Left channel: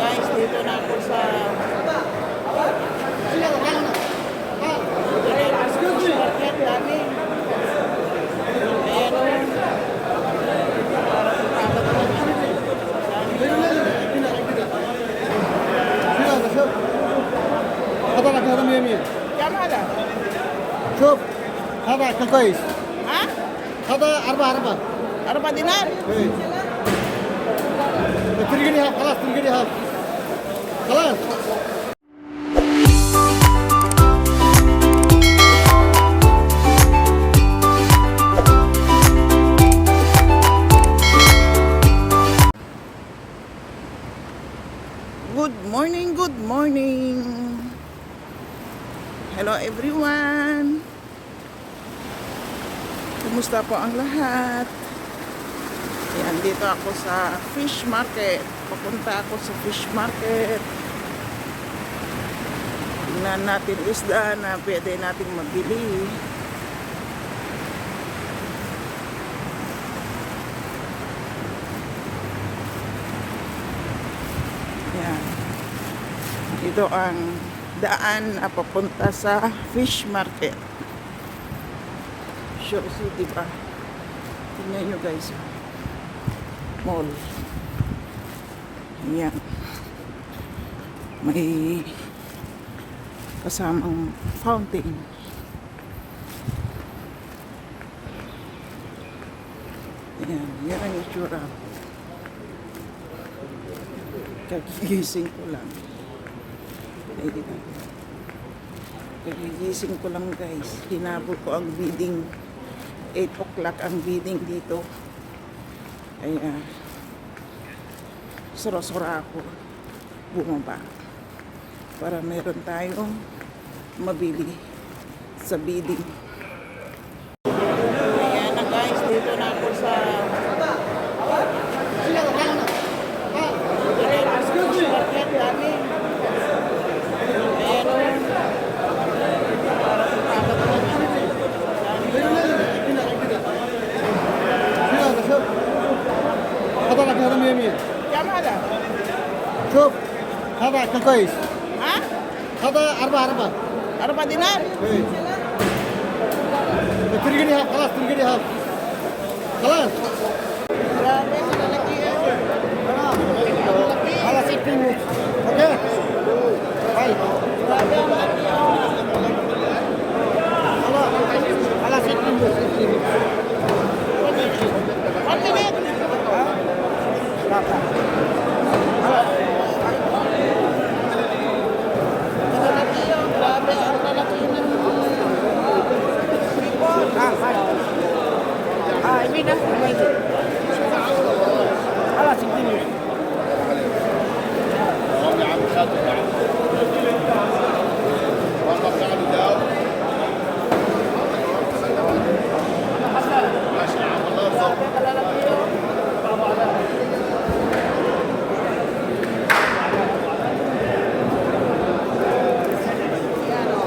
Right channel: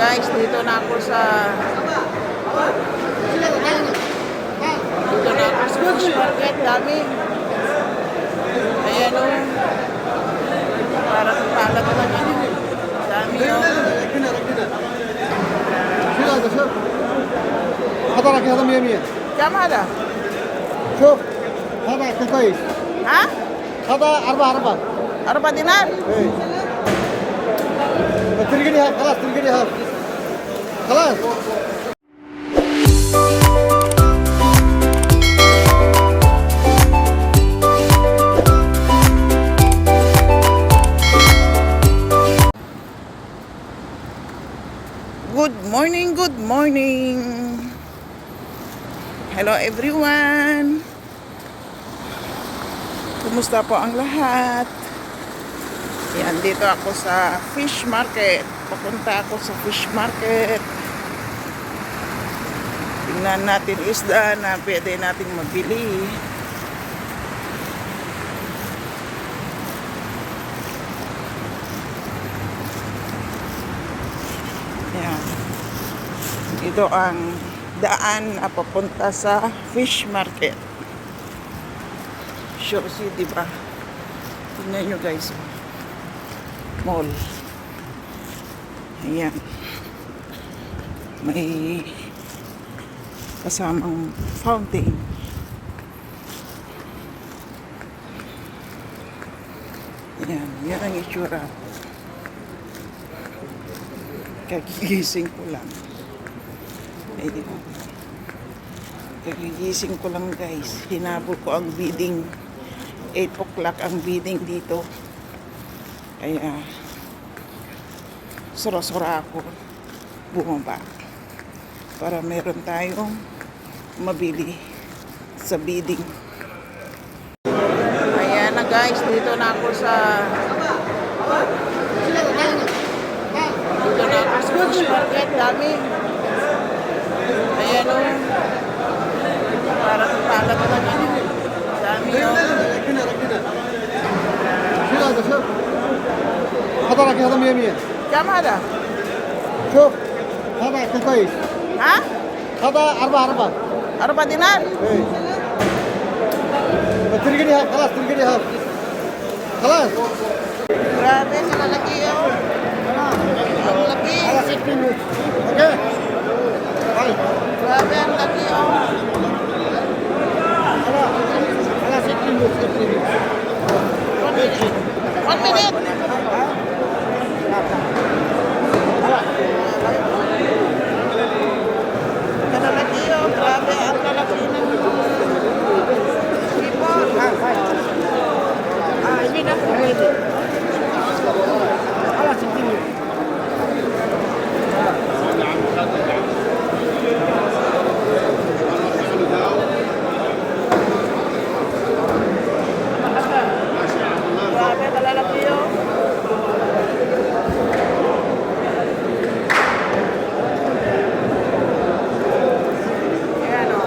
Guys, dito na ako sa fish market namin. Ayan o. Para sa pala talaga. Dami o. هذا لك هذا 100 100 Kaya mahal. شوف هذا يعطي كويس Ha? هذا 4 4 4 dinar? ايه تلقي لي خلاص تلقي لي خلاص Good morning, good morning. Hello everyone. Kumusta po ang lahat? Yan, dito ako sa fish market. Papunta ako sa fish market. Tingnan natin isda na pwede natin mabili. Yan. Ito ang daan na papunta sa fish market. Sure City ba? Tingnan nyo guys. Mall. Ayan. May kasamang fountain. Ayan. Yan ang itsura. Kagigising ko lang. Ayan. Kagigising ko lang guys. Hinabol ko ang bidding. 8 o'clock ang bidding dito. Kaya sura-sura ako bumaba. Para meron tayong mabili sa bidding. Ayan na guys. Dito na ako sa fish market namin. Ayan o. Para sa pala talaga. Dami o. شوف هذا لك هذا 100 100 Kaya mahal. شوف هذا يعطي كويس Ha? هذا 4 4 4 dinar? ايه تلقي لي خلاص تلقي لي خلاص Grabe, kalalaki o. Ang laki. خلاص 60 اوكي طيب Grabe, ang laki o. خلاص خلاص 60 1 minute. Kalalaki o. Grabe, ang lalaki ng sipon. ini kan خلاص 60 Grabe, kalalaki o. Ayan o.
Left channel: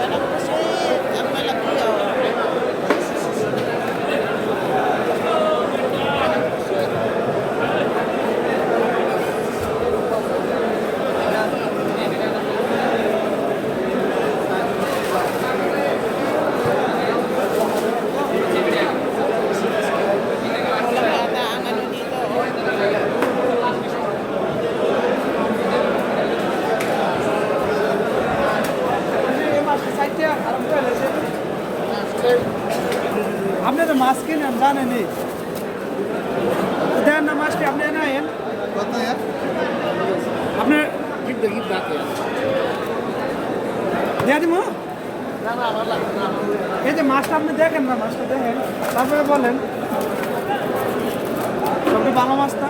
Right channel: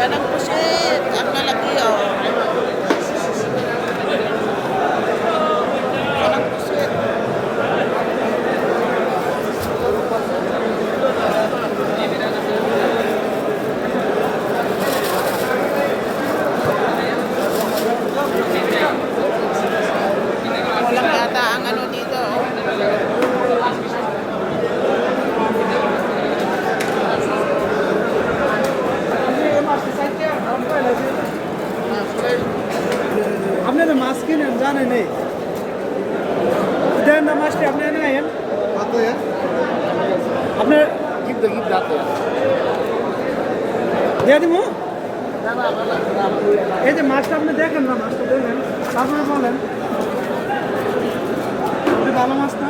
Yan ang pusit. Ang lalaki o. Yan ang pusit. Walang yata ang ano dito. Oh. हमने तो मास्क ही नहीं हम जाने नहीं उधर नमस्ते हमने ना है हमने गिफ्ट जाते दे दूँ এই যে মাছটা আপনি দেখেন না মাছটা দেখেন তারপরে বলেন আপনি ভালো মাছটা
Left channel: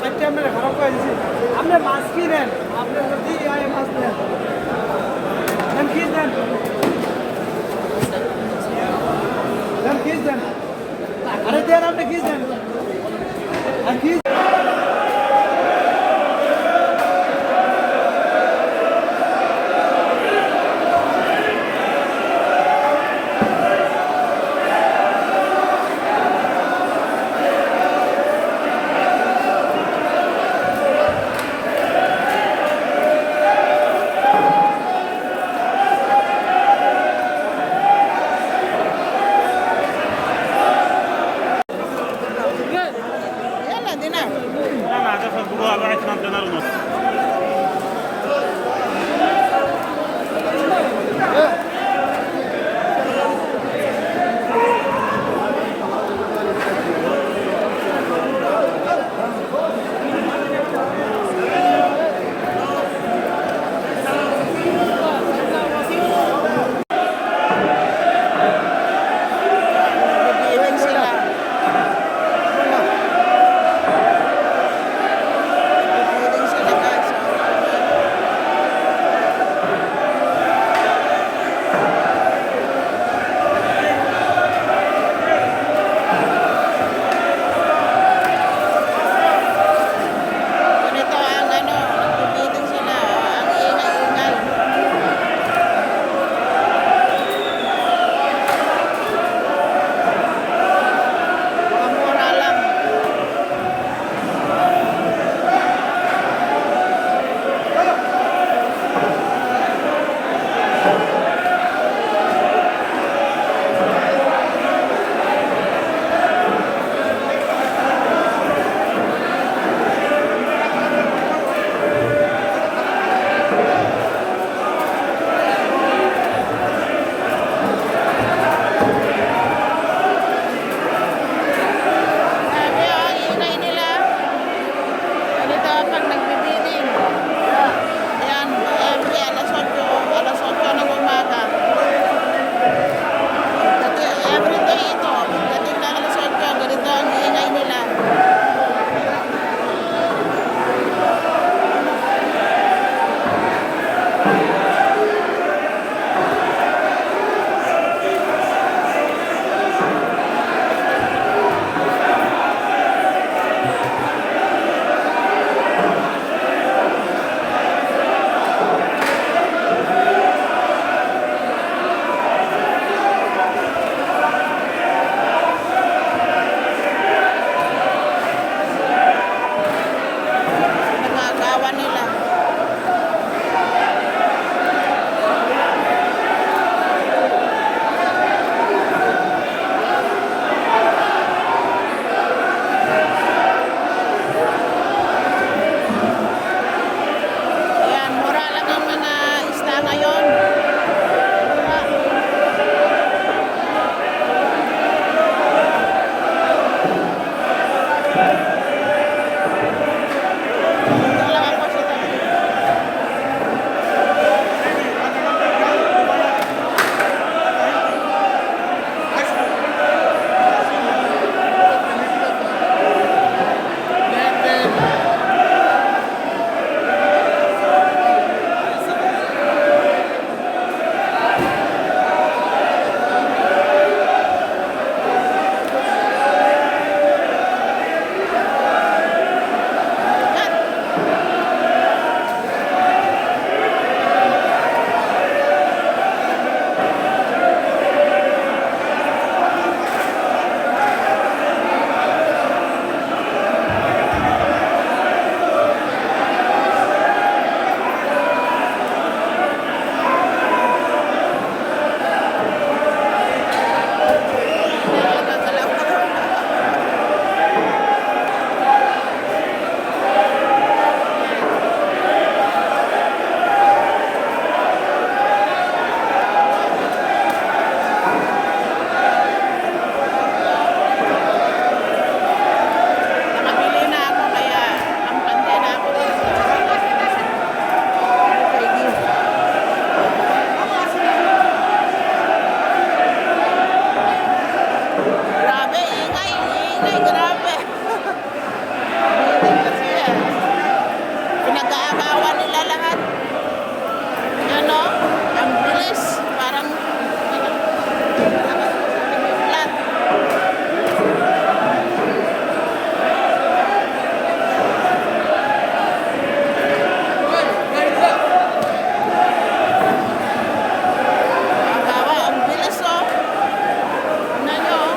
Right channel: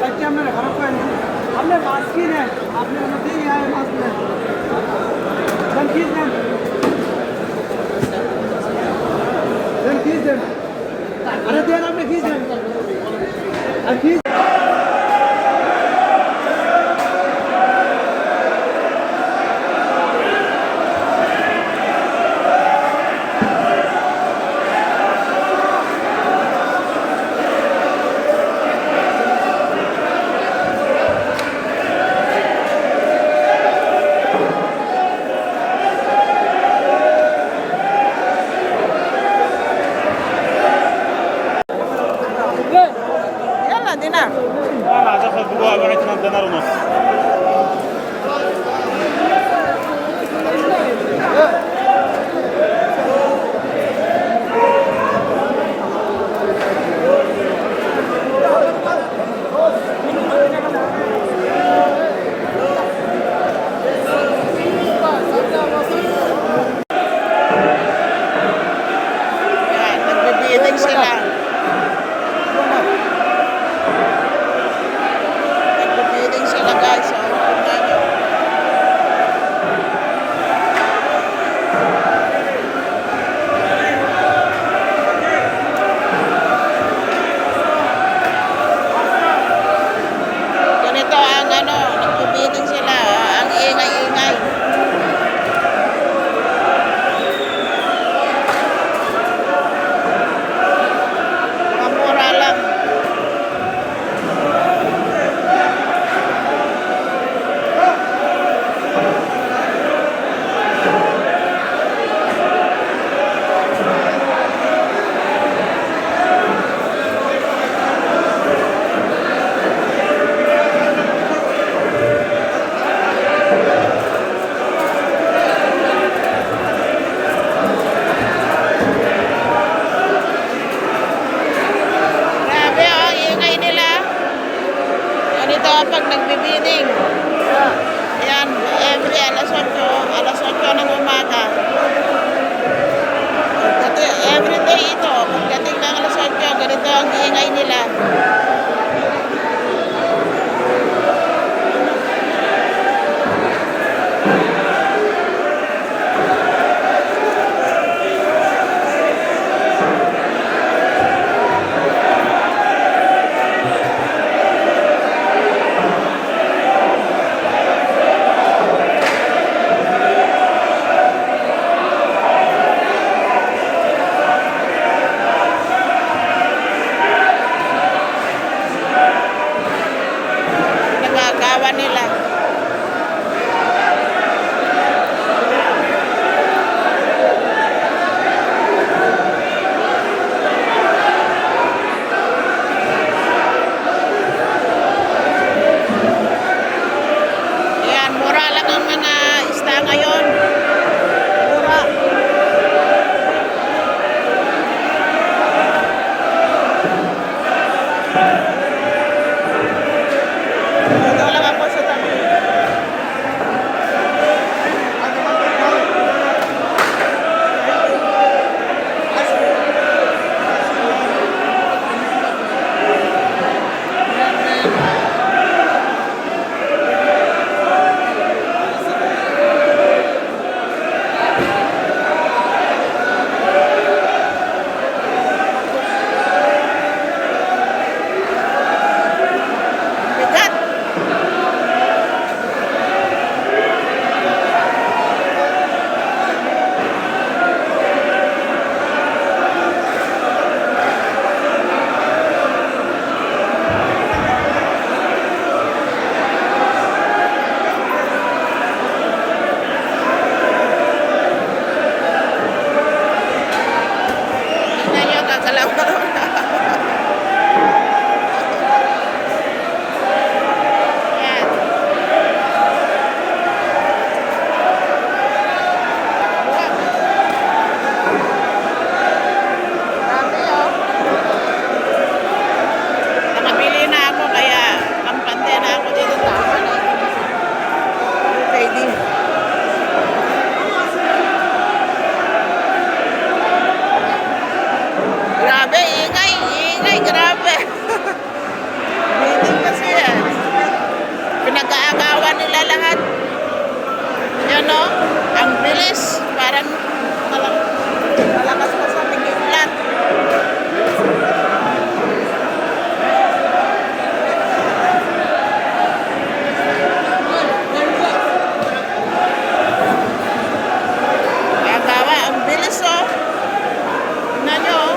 চারটে আপনারা খারাপ করে দিচ্ছি আপনি মাছ কিনেন আপনি দিয়ে মাছ নেন দেন ফিস দেন আরে দেন আপনি ফিস দেন আর ফিস Grabe, ingay, ingay, grabe. Meeting kasi yan. Pinag-aagawan nila lahat. Yan o, ang bilis. Parang malakas pa sa tigil-lat. Agawa, ang bilis o. Tingnan nyo o.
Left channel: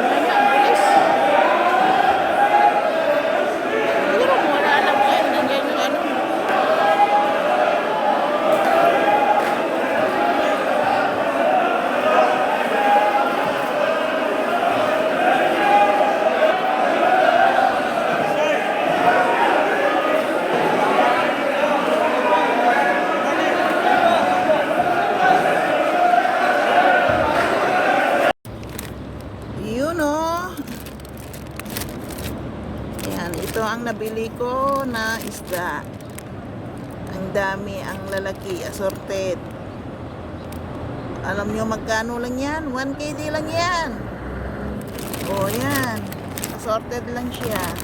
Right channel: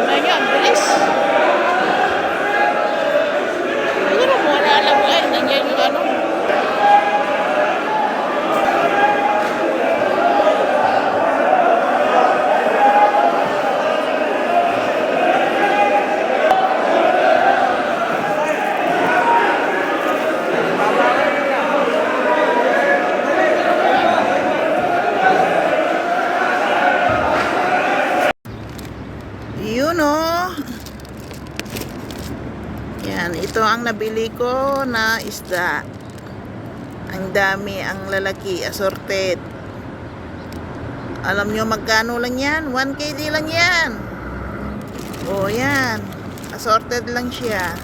Tingnan nyo, ang bilis. Siguro mura lang ay, nandiyan yung ano. Yun o. Yan, ito ang nabili ko na isda. Ang dami, ang lalaki, assorted. Alam nyo magkano lang yan? 1 KD lang yan. O yan, assorted lang siya.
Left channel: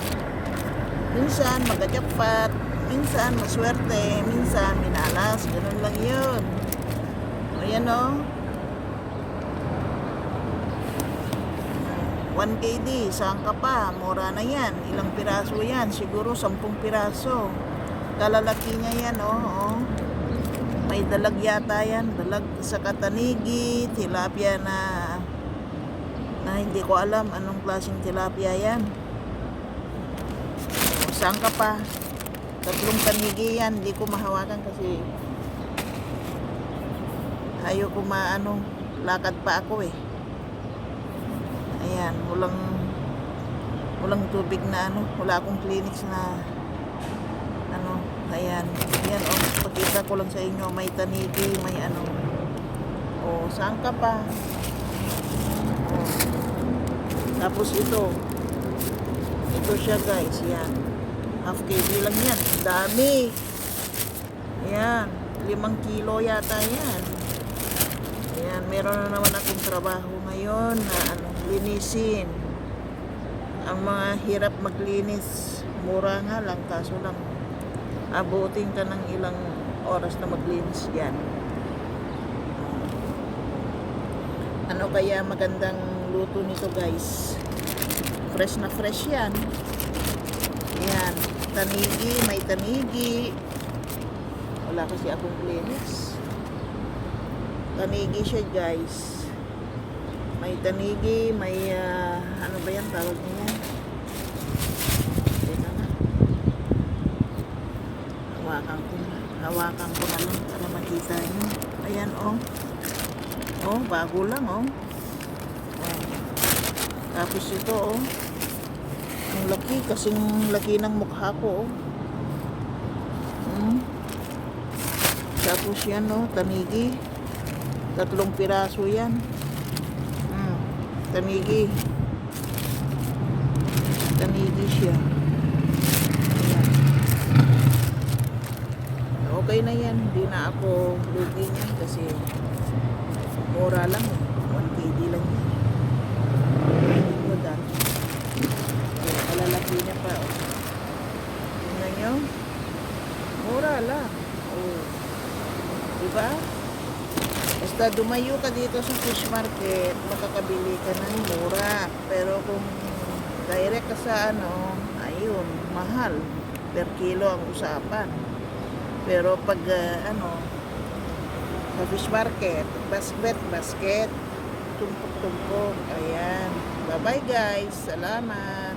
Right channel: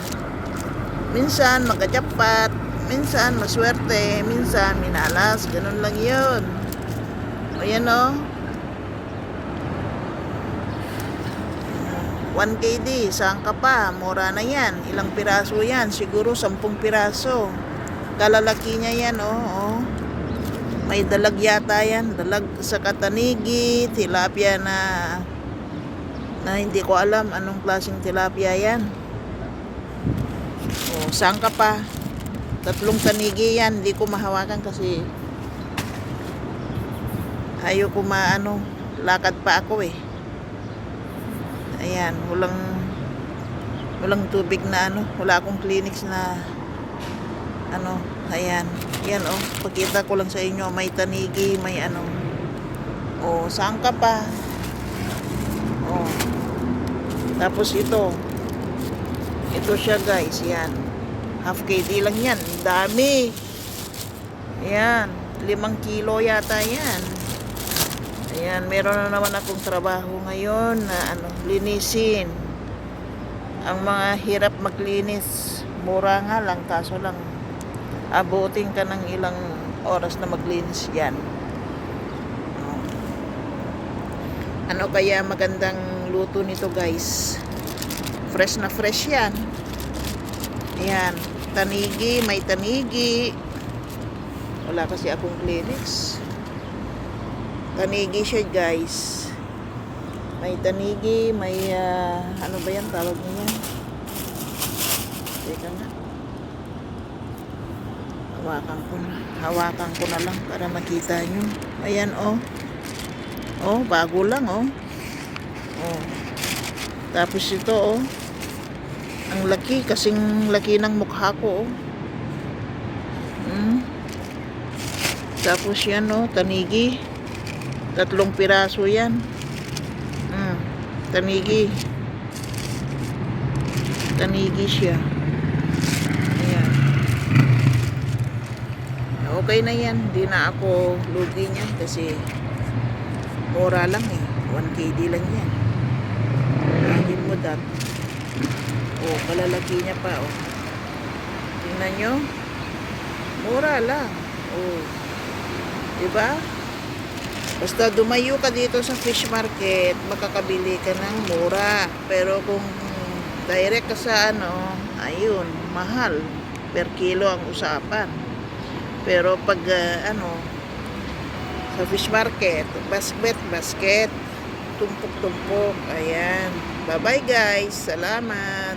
Minsan magajapat, minsan maswerte, minsan minalas, ganun lang yun. O yan o. 1 KD, saan ka pa? Mura na yan. Ilang piraso yan? Siguro 10 piraso. Kalalaki niya yan, oh. May dalag yata yan. Dalag sa katanigi, tilapia na hindi ko alam anong klaseng tilapia yan. Oh, saan ka pa? 3 tanigi yan. Hindi ko mahawakan kasi ayoko maano. Lakad pa ako eh. Ayan, walang tubig na ano, wala akong clinics na ano, ayan. Yan oh, pakita ko lang sa inyo, may tanigi, may ano. Oh, saan ka pa? Oh. Tapos ito. Ito siya guys, yan. Half KD lang yan. Ang dami. Ayan, 5 kilo yata yan. Ayan, meron na naman akong trabaho ngayon na ano, linisin. Ang mga hirap maglinis, mura nga lang, kaso lang abutin ka ng ilang oras na maglinis yan. Ano kaya magandang luto nito guys? Fresh na fresh yan. Ayan, tanigi, may tanigi. Wala kasi akong clinics. Tanigi siya guys. May tanigi, may ano ba yan tawag niya? Ito na. Hawakan ko na lang para makita nyo. Ayan oh. Oh, bago lang oh. Oh. Tapos ito oh. Ang laki, kasing laki ng mukha ko oh. Tapos yan oh, tanigi. 3 piraso yan. Tanigi. Tanigi siya. Ayan. Okay na yan. Hindi na ako lugi niyan kasi mura lang eh. 1 KD lang yan. Hindi mo dam. Oh, kalalaki niya pa oh. Tingnan nyo. Mura lang. Oh. Diba? Basta dumayo ka dito sa fish market, makakabili ka ng mura. Pero kung direct ka sa ano, ayun, mahal. Per kilo ang usapan. Pero pag ano, sa fish market, basket, tumpok-tumpok. Ayan. Bye-bye guys. Salamat.